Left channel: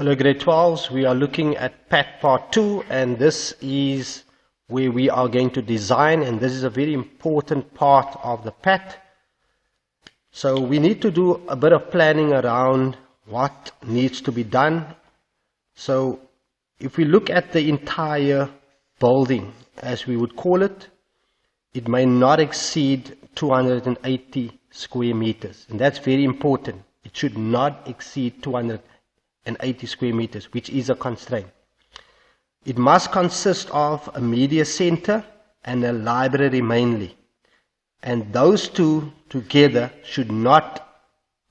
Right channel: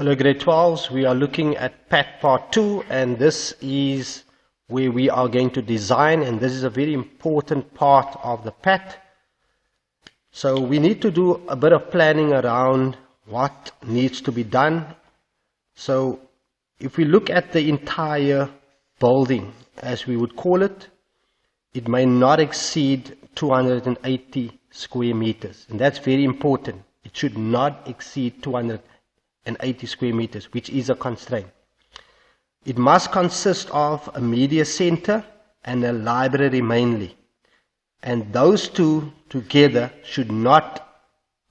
Hello grade 12s, we are looking at PAT part 2 and this is where we are going to design, and this is a very important part of the PAT. So we need to do a bit of planning around what needs to be done. So if we look at the entire building, as we would call it, it may not exceed 280 square meters, and that's very important. It should not exceed 280 square meters, which is a constraint. It must consist of a media center and a library mainly, and those two together should not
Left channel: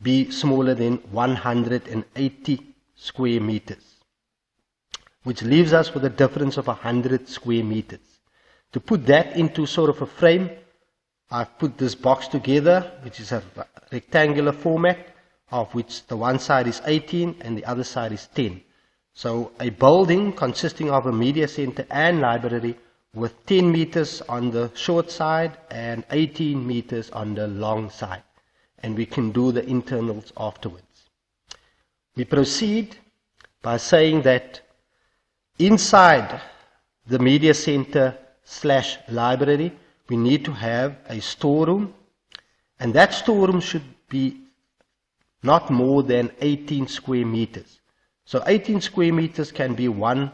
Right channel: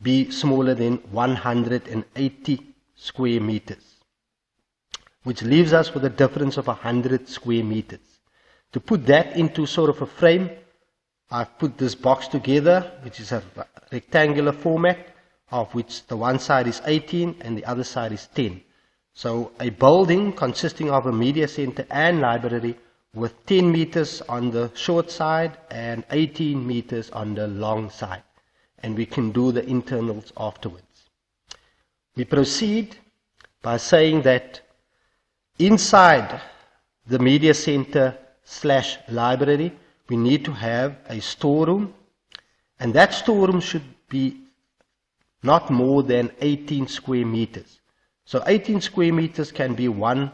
be smaller than 180 square meters, which leaves us with a difference of 100 square meters. To put that into sort of a frame, I've put this box together, which is a rectangular format, of which the one side is 18 and the other side is 10. So a building consisting of a media center and library with 10 meters on the short side and 18 meters on the long side. And we can do the internals afterwards. We proceed by saying that inside the media center / library, we need to have a storeroom, and that storeroom should be not more than 18 square meters. So 18 square meters can be one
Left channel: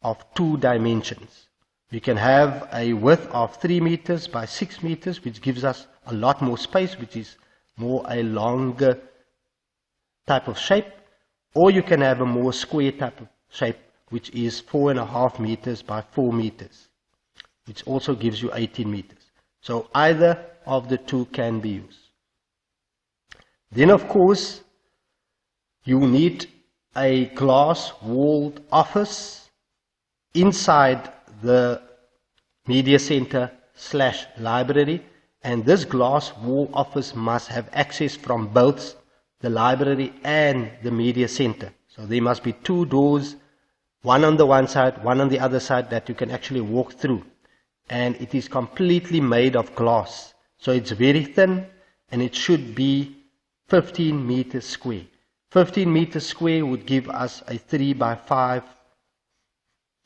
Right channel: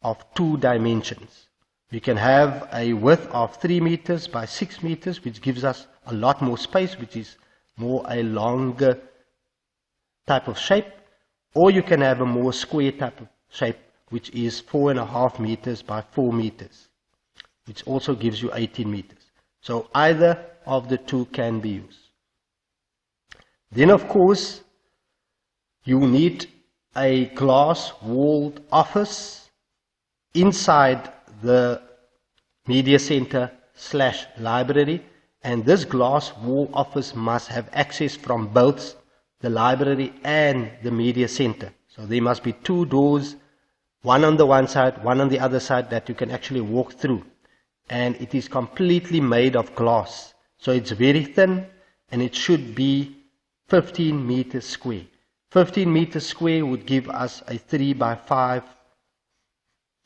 of two dimensions. We can have a width of 3 meters by 6 meters, which gives us a lot more space, which is more a longer type of shape, or you can have a more square type of shape, which is 4.5 meters by 4 meters, which also gives you 18 meters. So either of the two can be used. Then of course, you need a glass-walled office inside the media center / library, and this glass-wall office must have access from both the library and the media center. So there must be two doors, one on the one side, one on the other side, that you can actually walk through. And it is completely made of glass. So it's very thin, and it should be 15 meters square. 15 meters square would give us a 3 by 5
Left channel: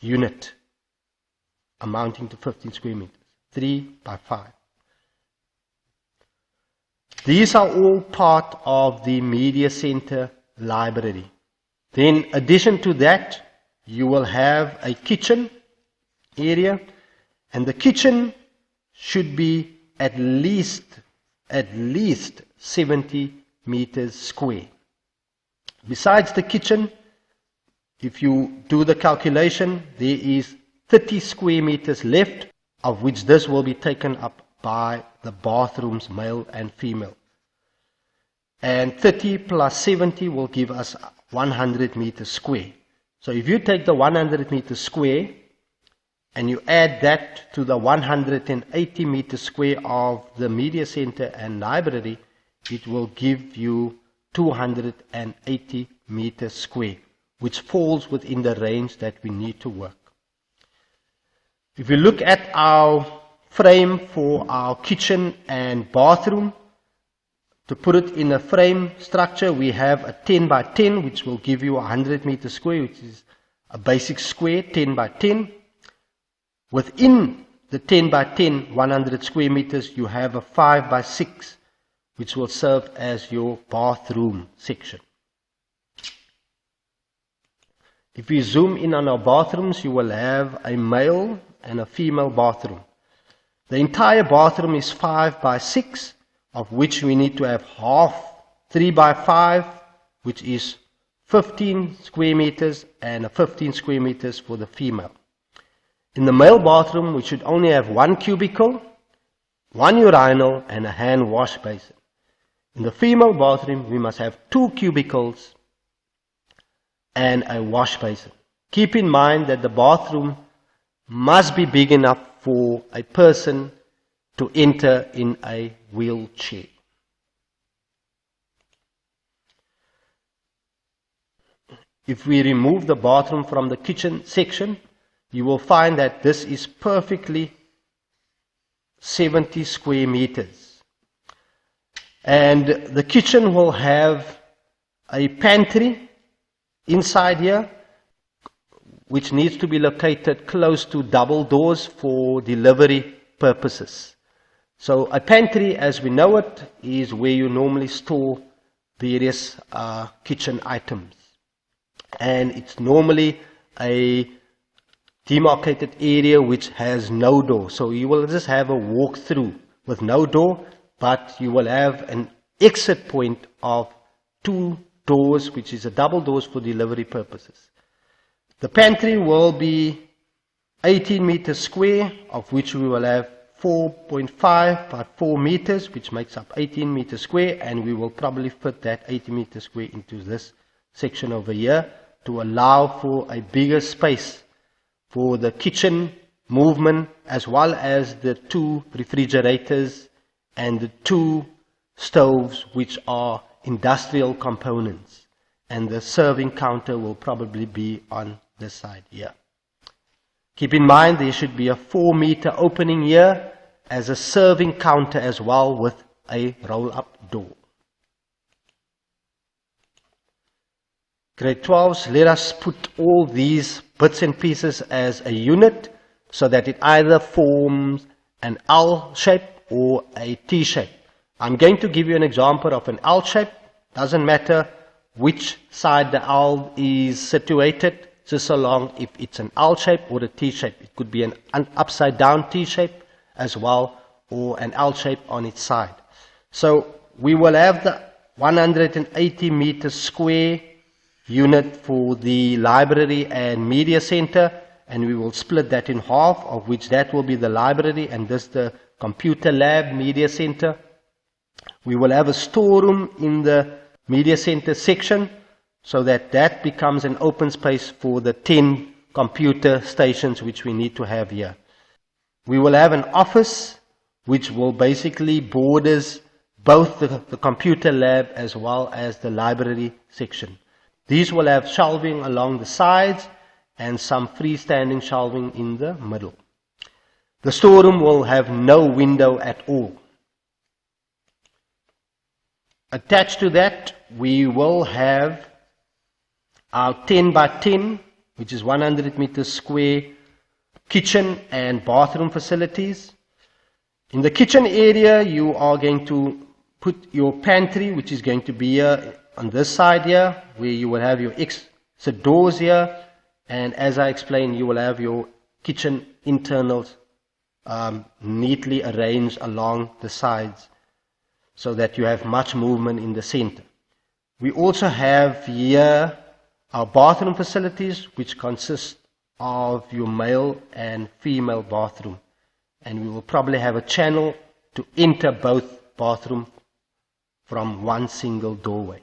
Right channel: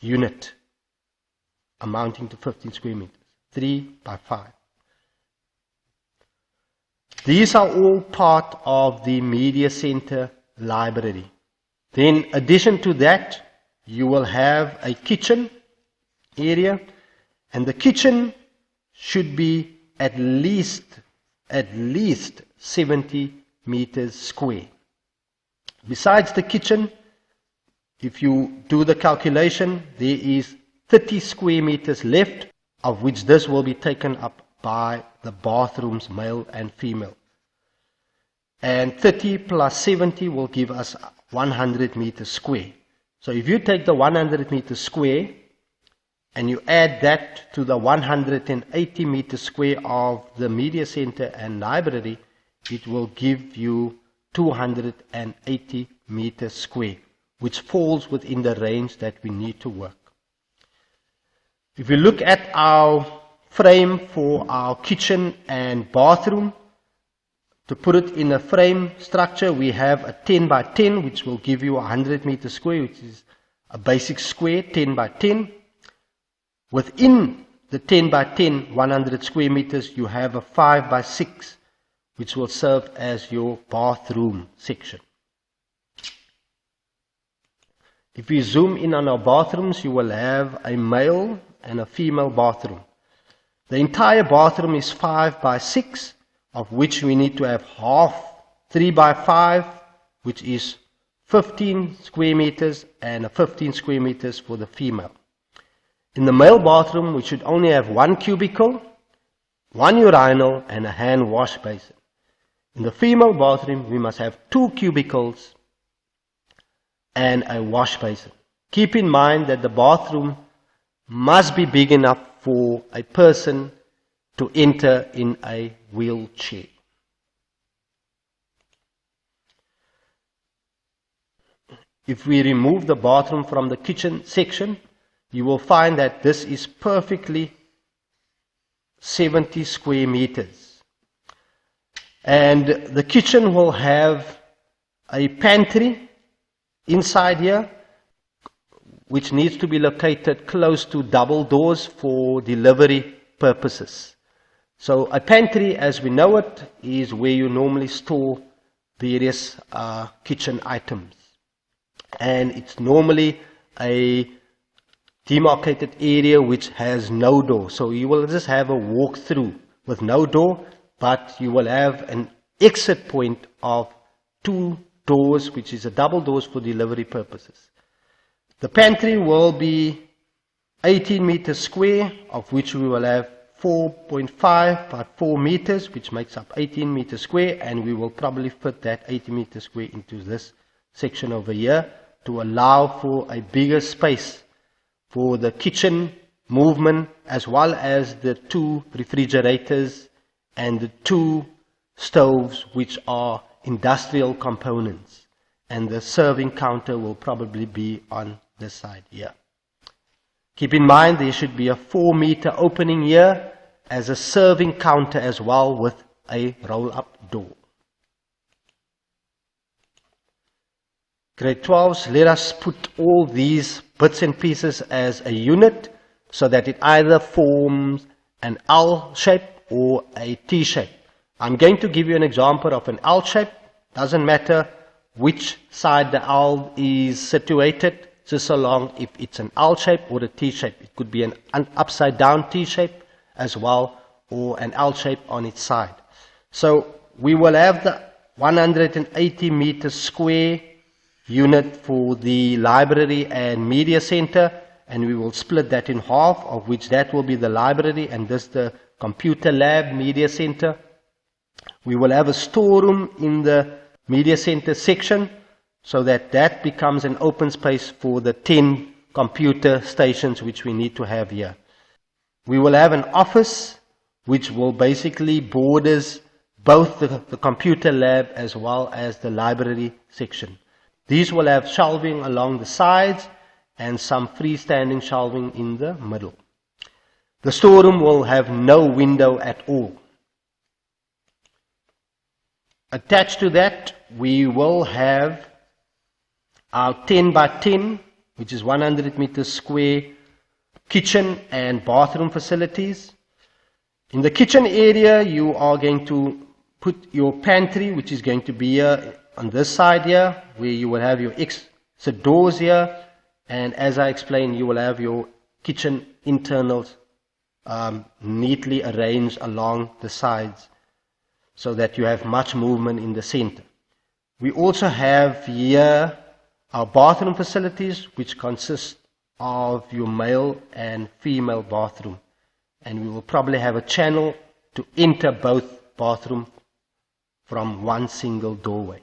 unit amounting to 15 square meters. 3 by 5. These are all part of the media center library. Then, in addition to that, you will have a kitchen area, and the kitchen should be at least 70 meters square. Besides the kitchen, if you do the calculation, there is 30 square meters left, of which this will be taken up by the bathrooms, male and female. And 30 plus 70 will give us 100 meters square. So if you take the 100 meters square and you add that to the 180 meters square of the media center and library, it will give you 280 meters square, which falls within the range that we need to work. If we look at our frame for our kitchen and bathroom, to put it in a frame structure, we have a 10 by 10, which will give you 100 meters square, which is a basic square, 10 by 10. Within the 10 by 10, 100 square meters, you have a 5 by 6, which will serve as your bathroom section. If we zoom in on our bathrooms, you will have a male and a female bathroom. The entire bathroom is 5 by 6, of which we need to have half 3 by 5, which is 15 square meters, and a 15 square meters for the female. In the male bathroom, we should only have one cubicle, one urinal, and a hand wash basin. In the female bathroom, we must have 2 cubicles and a wash basin. Keep in mind that the bathroom must be big enough for a person to enter in a wheelchair. If we remove the bathroom from the kitchen section, you will find that this is perfectly 70 square meters. And the kitchen will have a pantry inside here, which needs to be located close to double doors for delivery purposes. So a pantry, as we know it, is where you normally store various kitchen items. And it's normally a demarcated area which has no door. So you will just have a walk-through with no door, but you will have an exit point of 2 doors, which is a double doors for delivery purposes. The pantry will be 18 meters square, of which we will have 4.5 by 4 meters, which makes up 18 meters square, and we will probably fit that 80 meters square into this section over here to allow for a bigger space for the kitchen movement, as well as the 2 refrigerators and the 2 stoves, which are industrial components. And the serving counter will probably be on this side here. Keep in mind there should be a 4-meter opening here as a serving counter as well, with a roll-up door. Grade 12s, let us put all these bits and pieces as a unit so that it either forms an L shape or a T shape. I'm going to give you an example of an L shape. Doesn't matter which side the L is situated, just so long if it's an L shape or a T shape. It could be an upside down T shape as well, or an L shape on its side. So we will have the 180 meters square unit for the library and media center, and we will split that in half, of which that will be the library and this the computer lab media center. We will have a storeroom in the media center section, so that that becomes an open space for the 10 computer stations which we need to have here. We will have an office which will basically borders both the computer lab as well as the library section. These will have shelving along the sides and some freestanding shelving in the middle. The storeroom will have no window at all. Attached to that, we will have our 10 by 10, which is 100 meters square, kitchen and bathroom facilities. In the kitchen area, you are going to put your pantry, which is going to be here on this side here, where you will have your exit doors here. And as I explained, you will have your kitchen internals neatly arranged along the sides, so that you have much movement in the center. We also have here our bathroom facilities, which consist of your male and female bathroom. And we will probably have a channel to enter both bathrooms from one single doorway.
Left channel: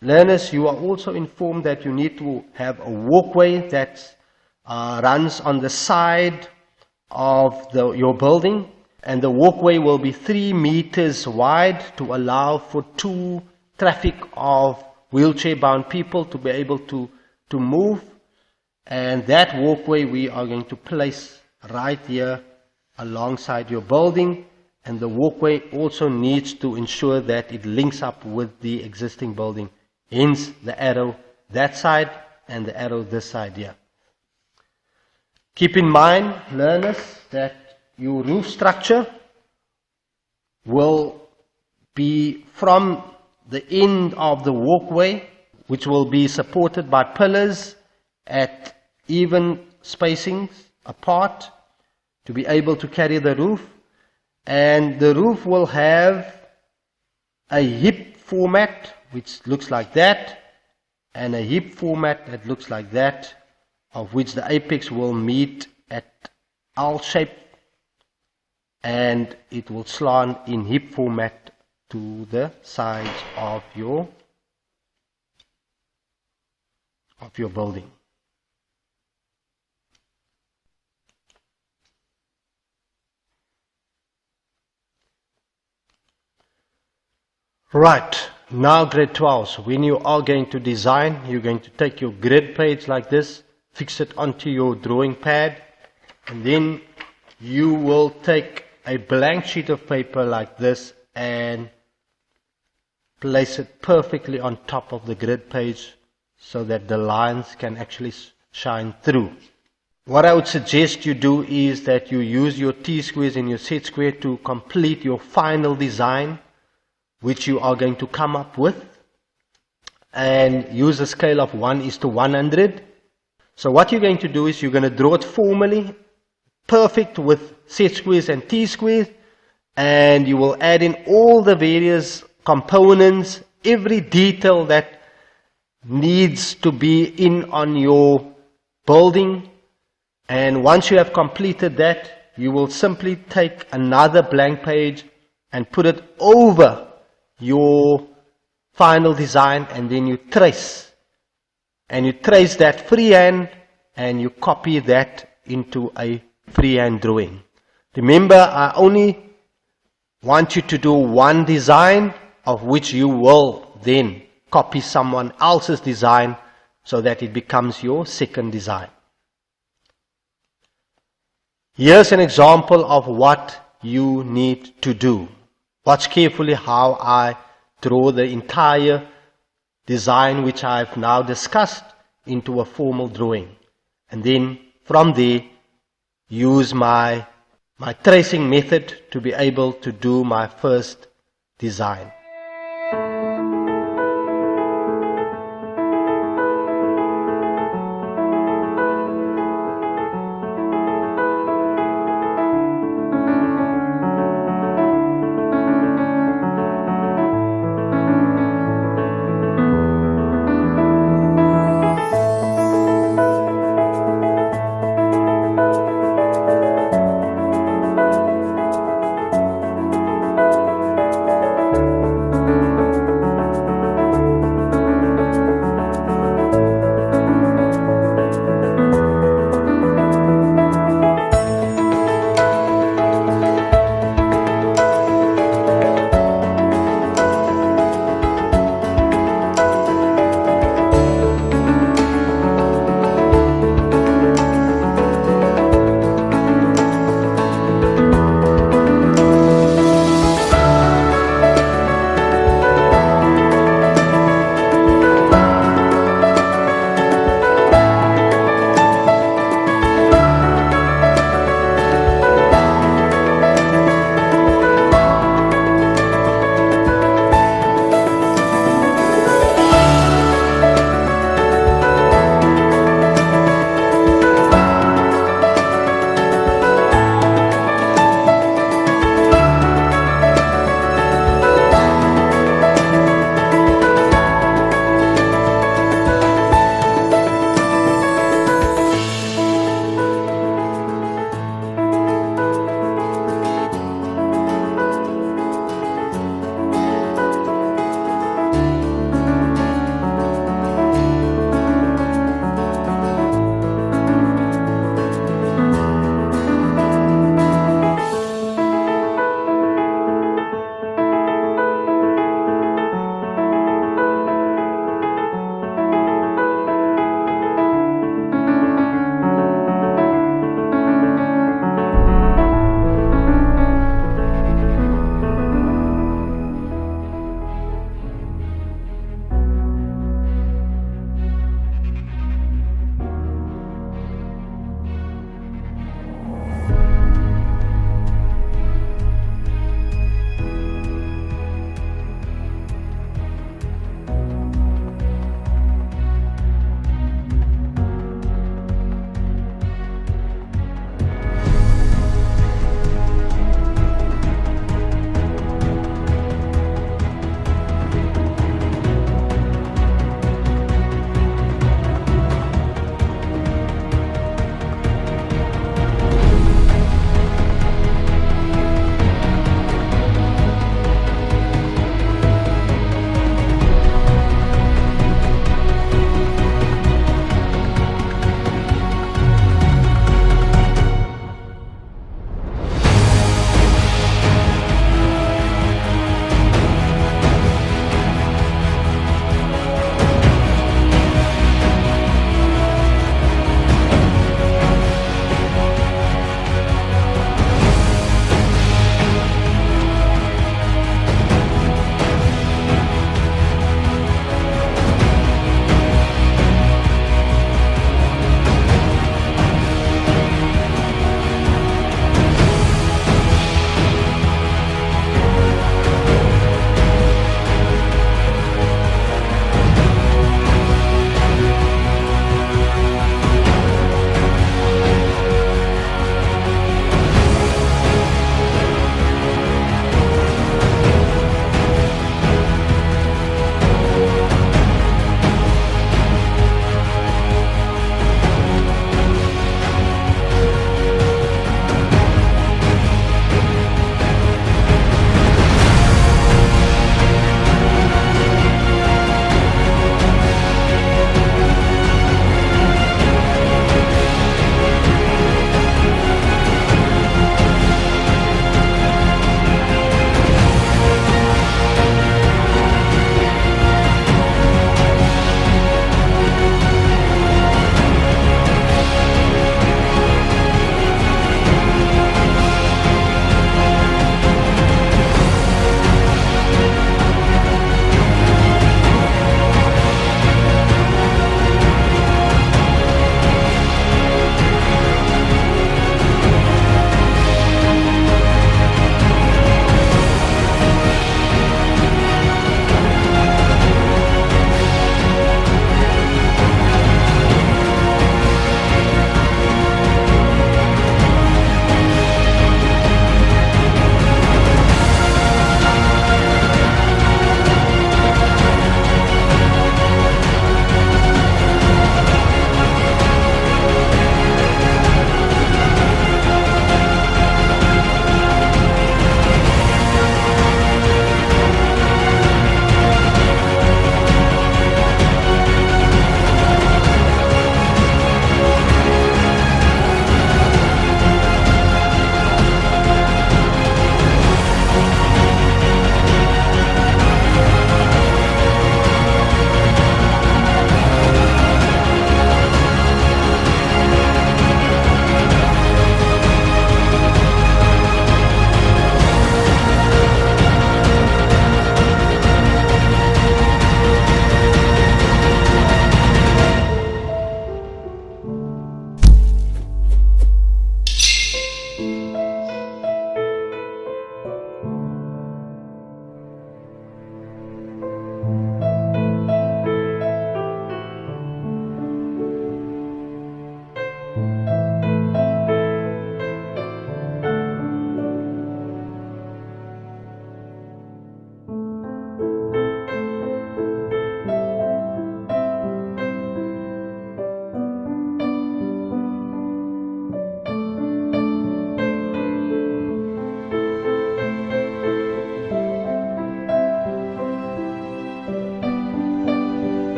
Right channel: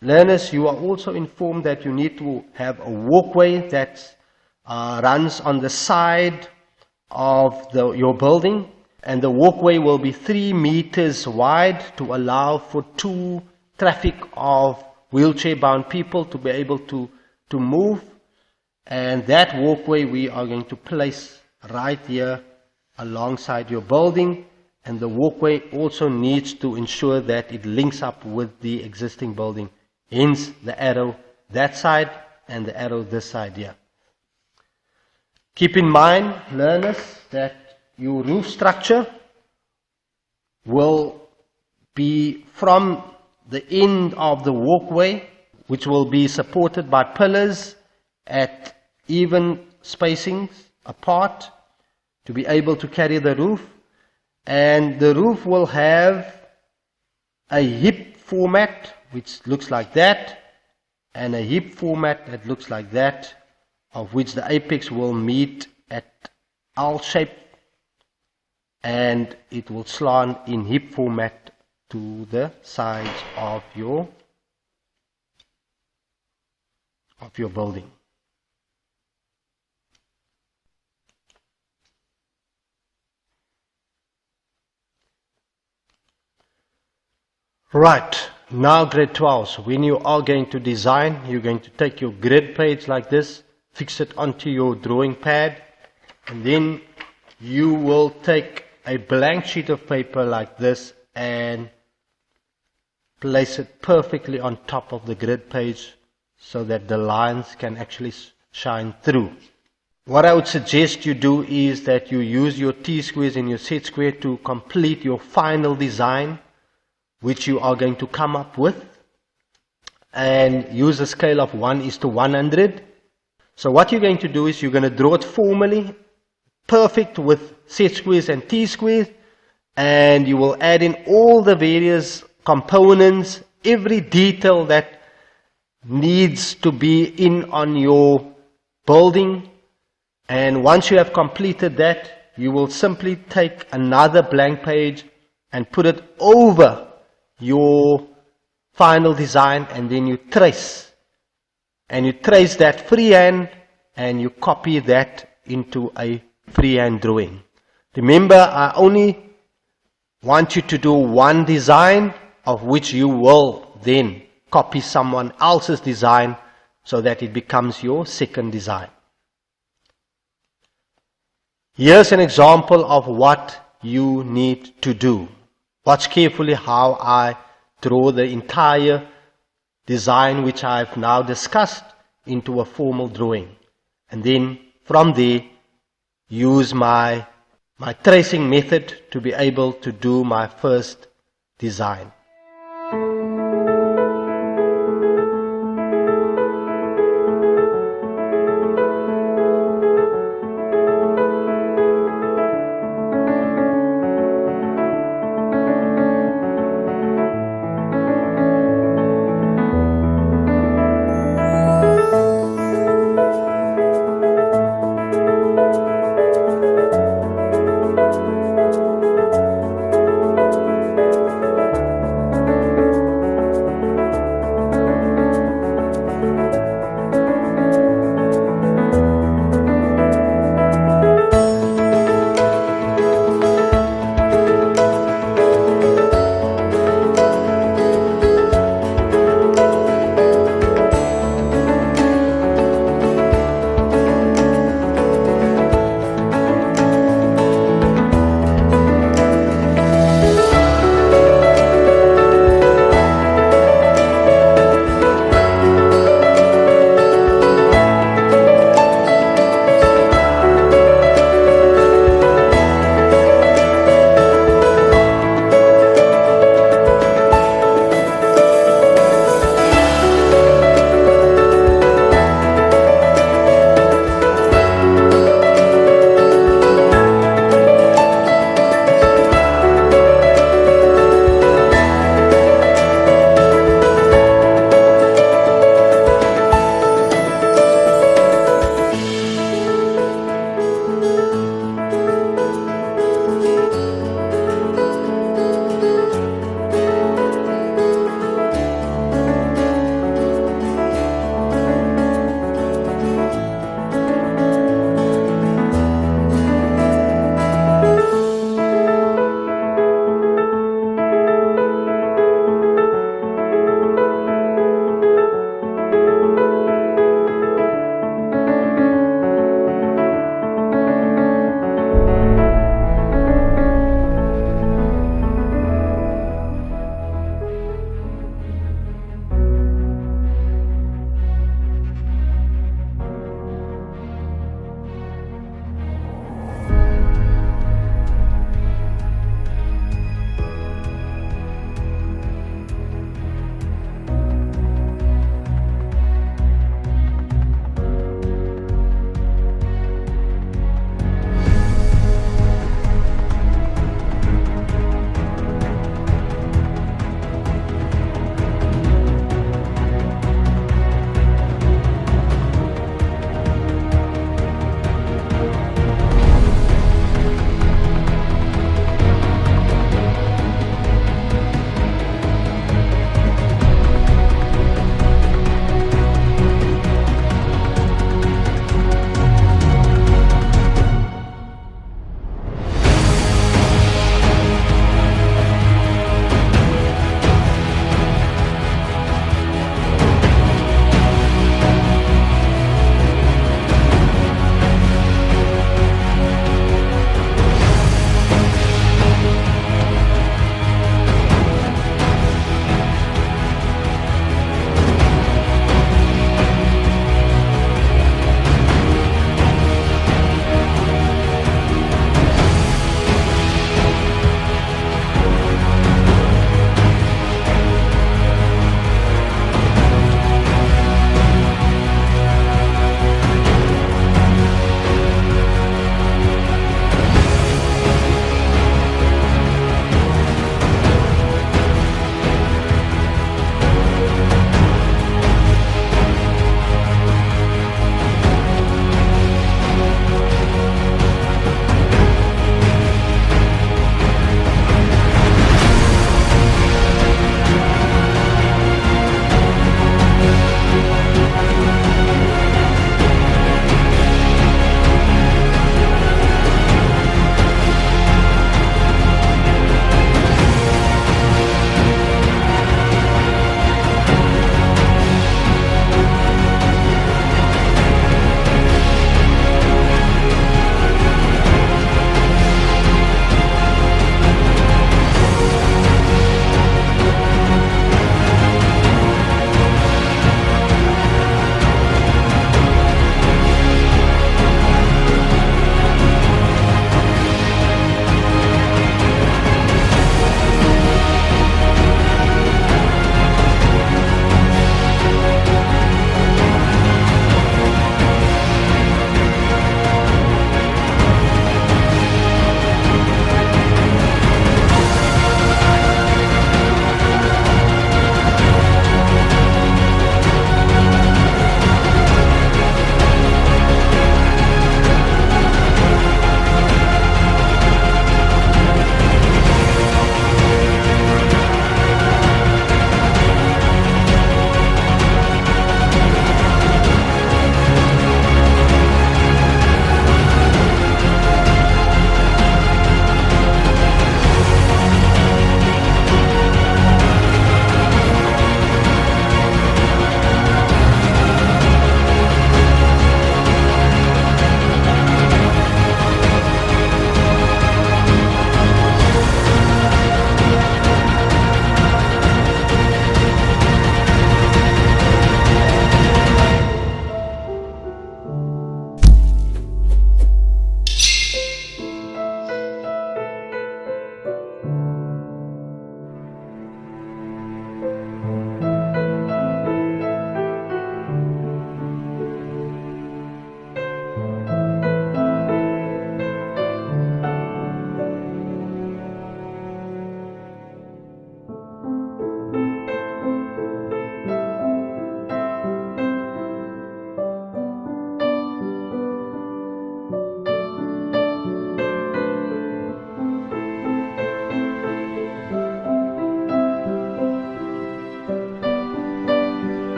Learners, you are also informed that you need to have a walkway that runs on the side of your building, and the walkway will be 3 meters wide to allow for 2 traffic of wheelchair-bound people to be able to move. And that walkway we are going to place right here alongside your building, and the walkway also needs to ensure that it links up with the existing building, hence the arrow that side and the arrow this side here. Keep in mind, learners, that your roof structure will be from the end of the walkway, which will be supported by pillars at even spacings apart to be able to carry the roof. And the roof will have a hip format which looks like that, and a hip format that looks like that, of which the apex will meet at L shape, and it will slant in hip format to the sides of your building. Right, now grade 12s, when you are going to design, you're going to take your grid page like this, fix it onto your drawing pad, and then you will take a blank sheet of paper like this and place it perfectly on top of the grid page so that the lines can actually shine through. What I would suggest you do is that you use your T-squares and your set square to complete your final design, which you are going to come up with, and use a scale of 1:100. So what you're going to do is you're going to draw it formally, perfect with set squares and T-squares, and you will add in all the various components, every detail that needs to be in on your building. And once you have completed that, you will simply take another blank page and put it over your final design, and then you trace. And you trace that freehand, and you copy that into a freehand drawing. Remember, I only want you to do one design, of which you will then copy someone else's design so that it becomes your second design. Here's an example of what you need to do. Watch carefully how I draw the entire design which I've now discussed into a formal drawing. And then from there, use my tracing method to be able to do my first design.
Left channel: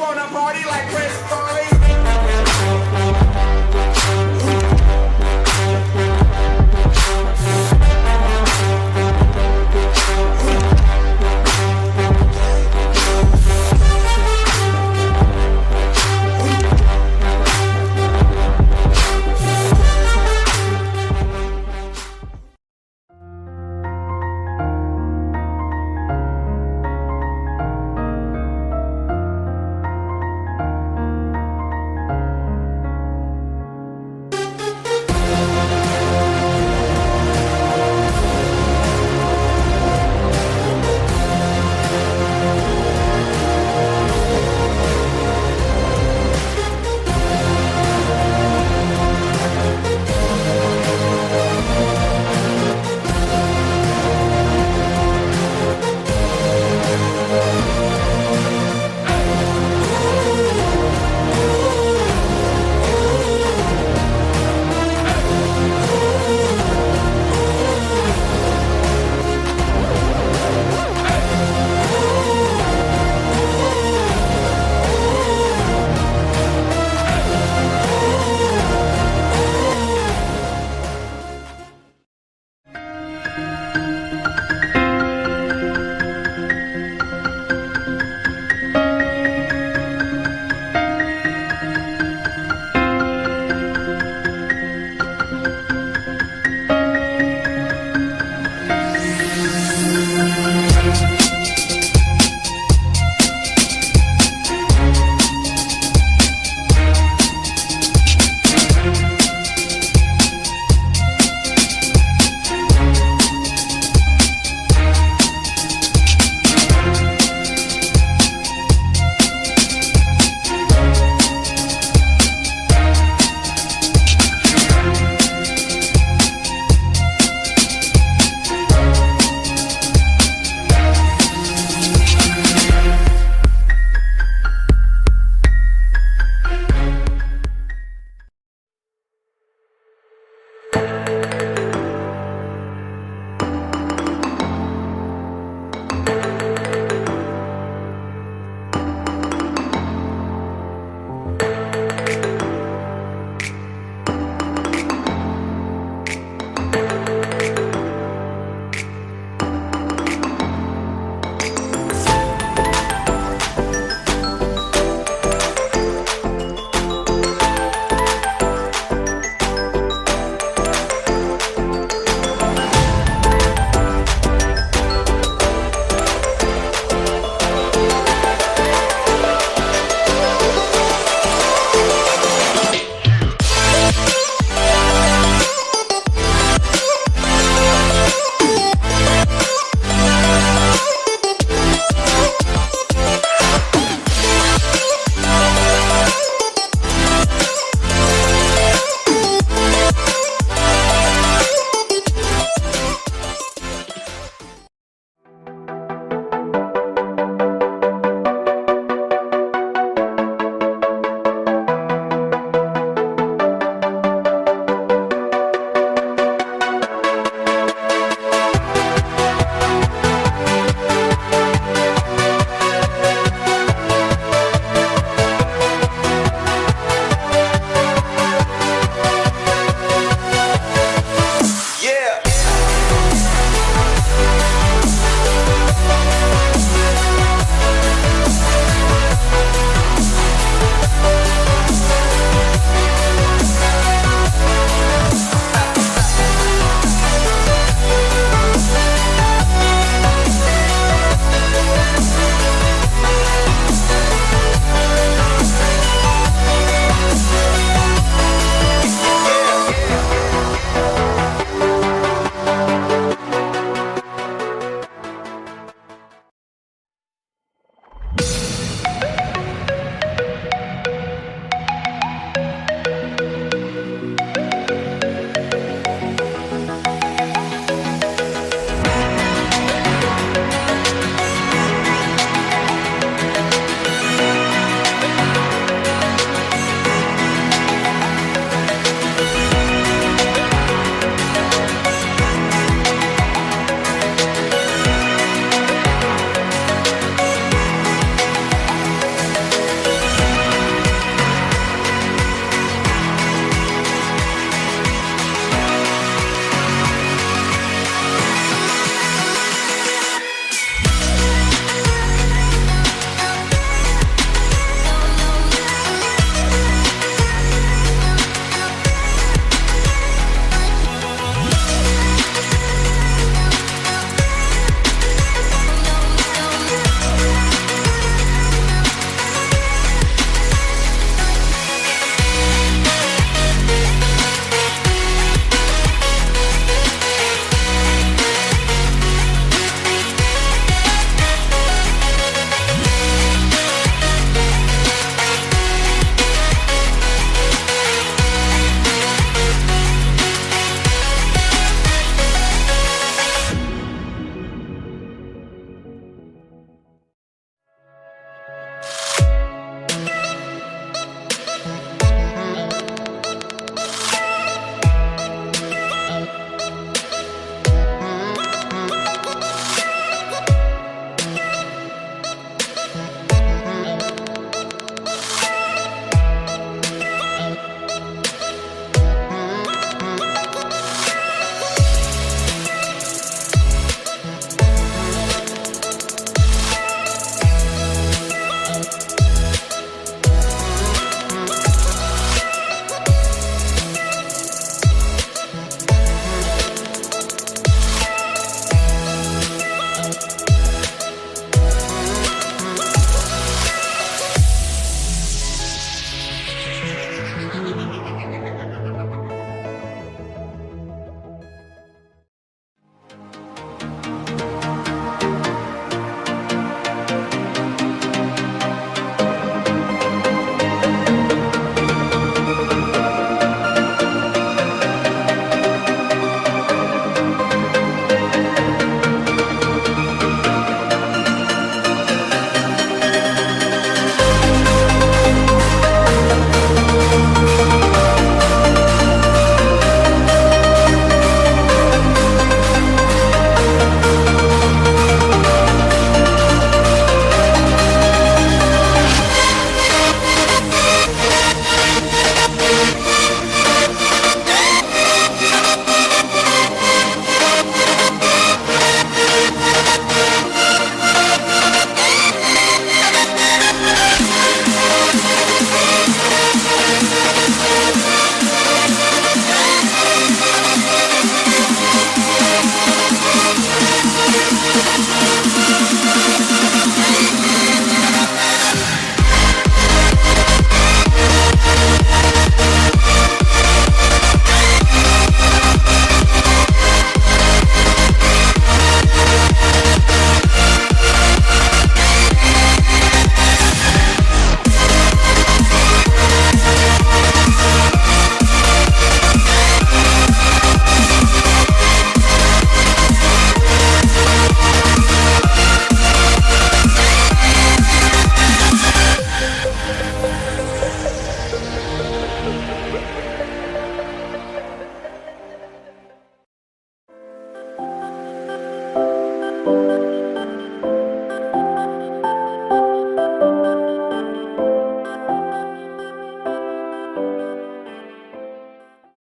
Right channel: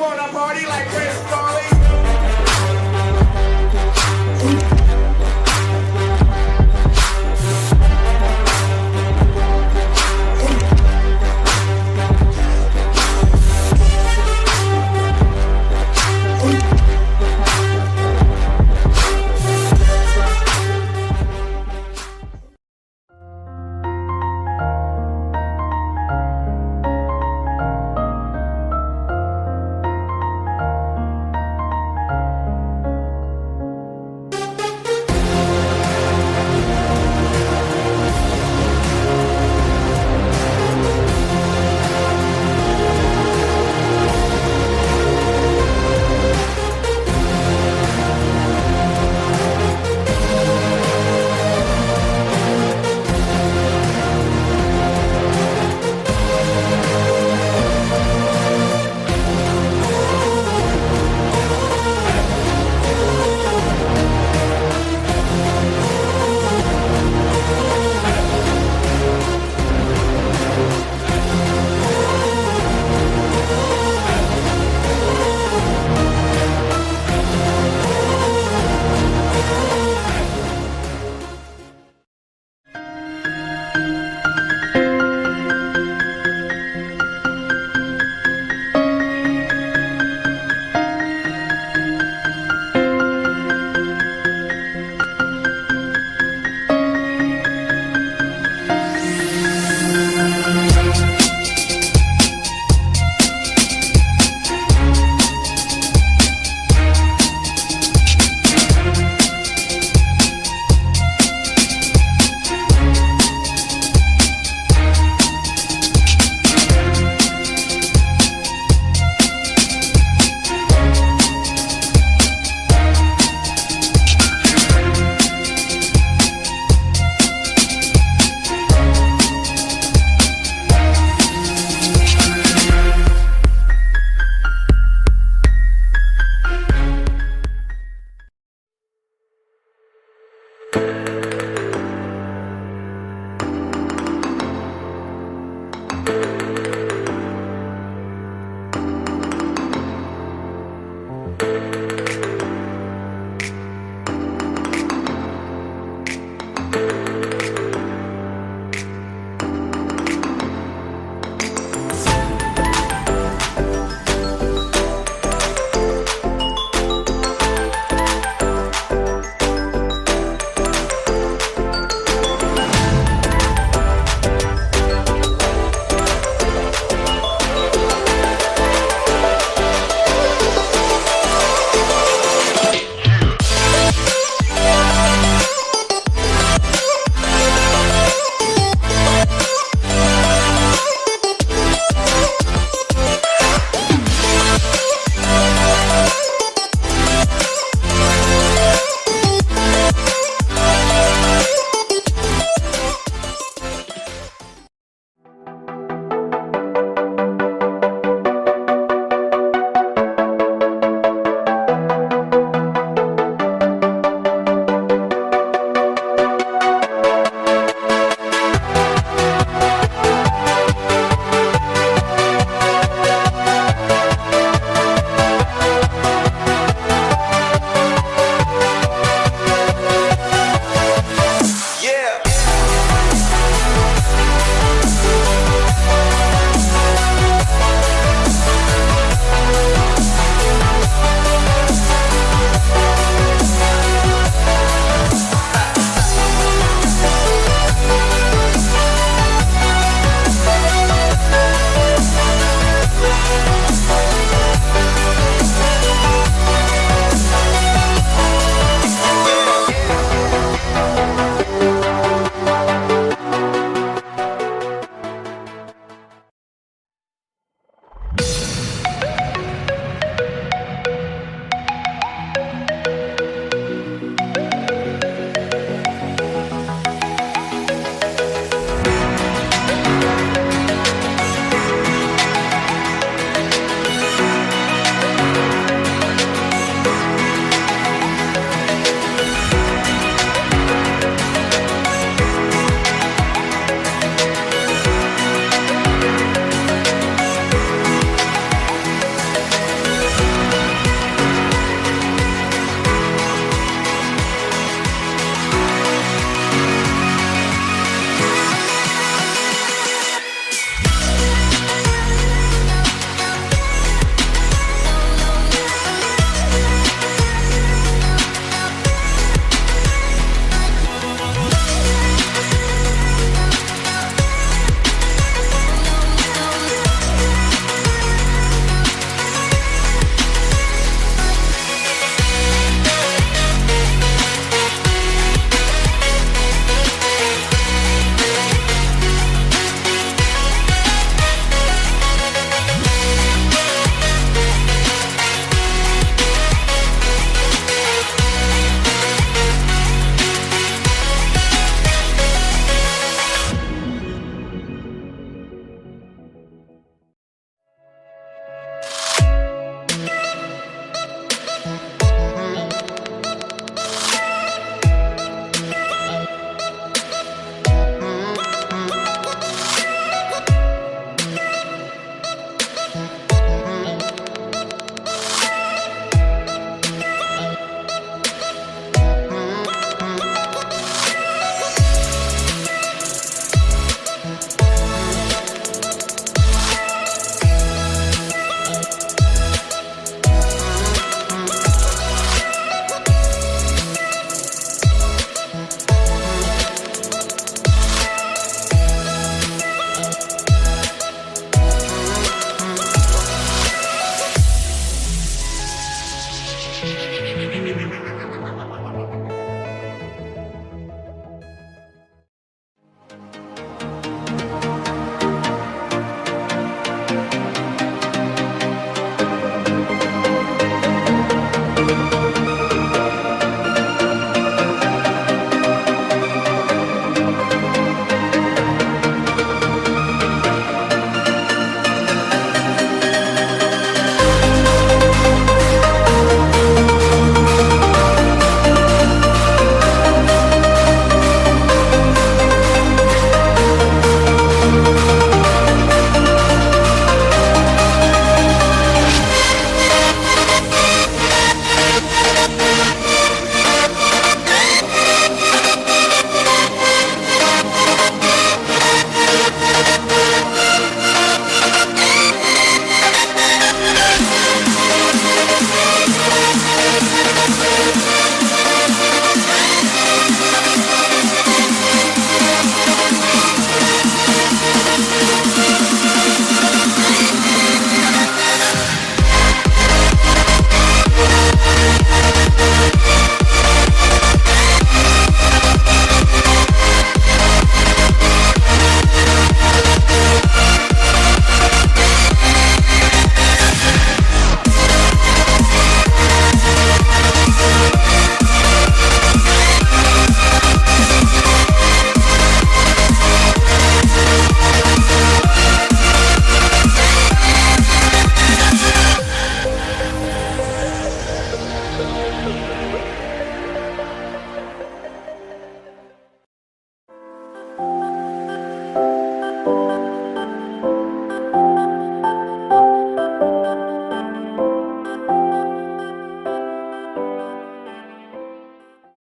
wanna party like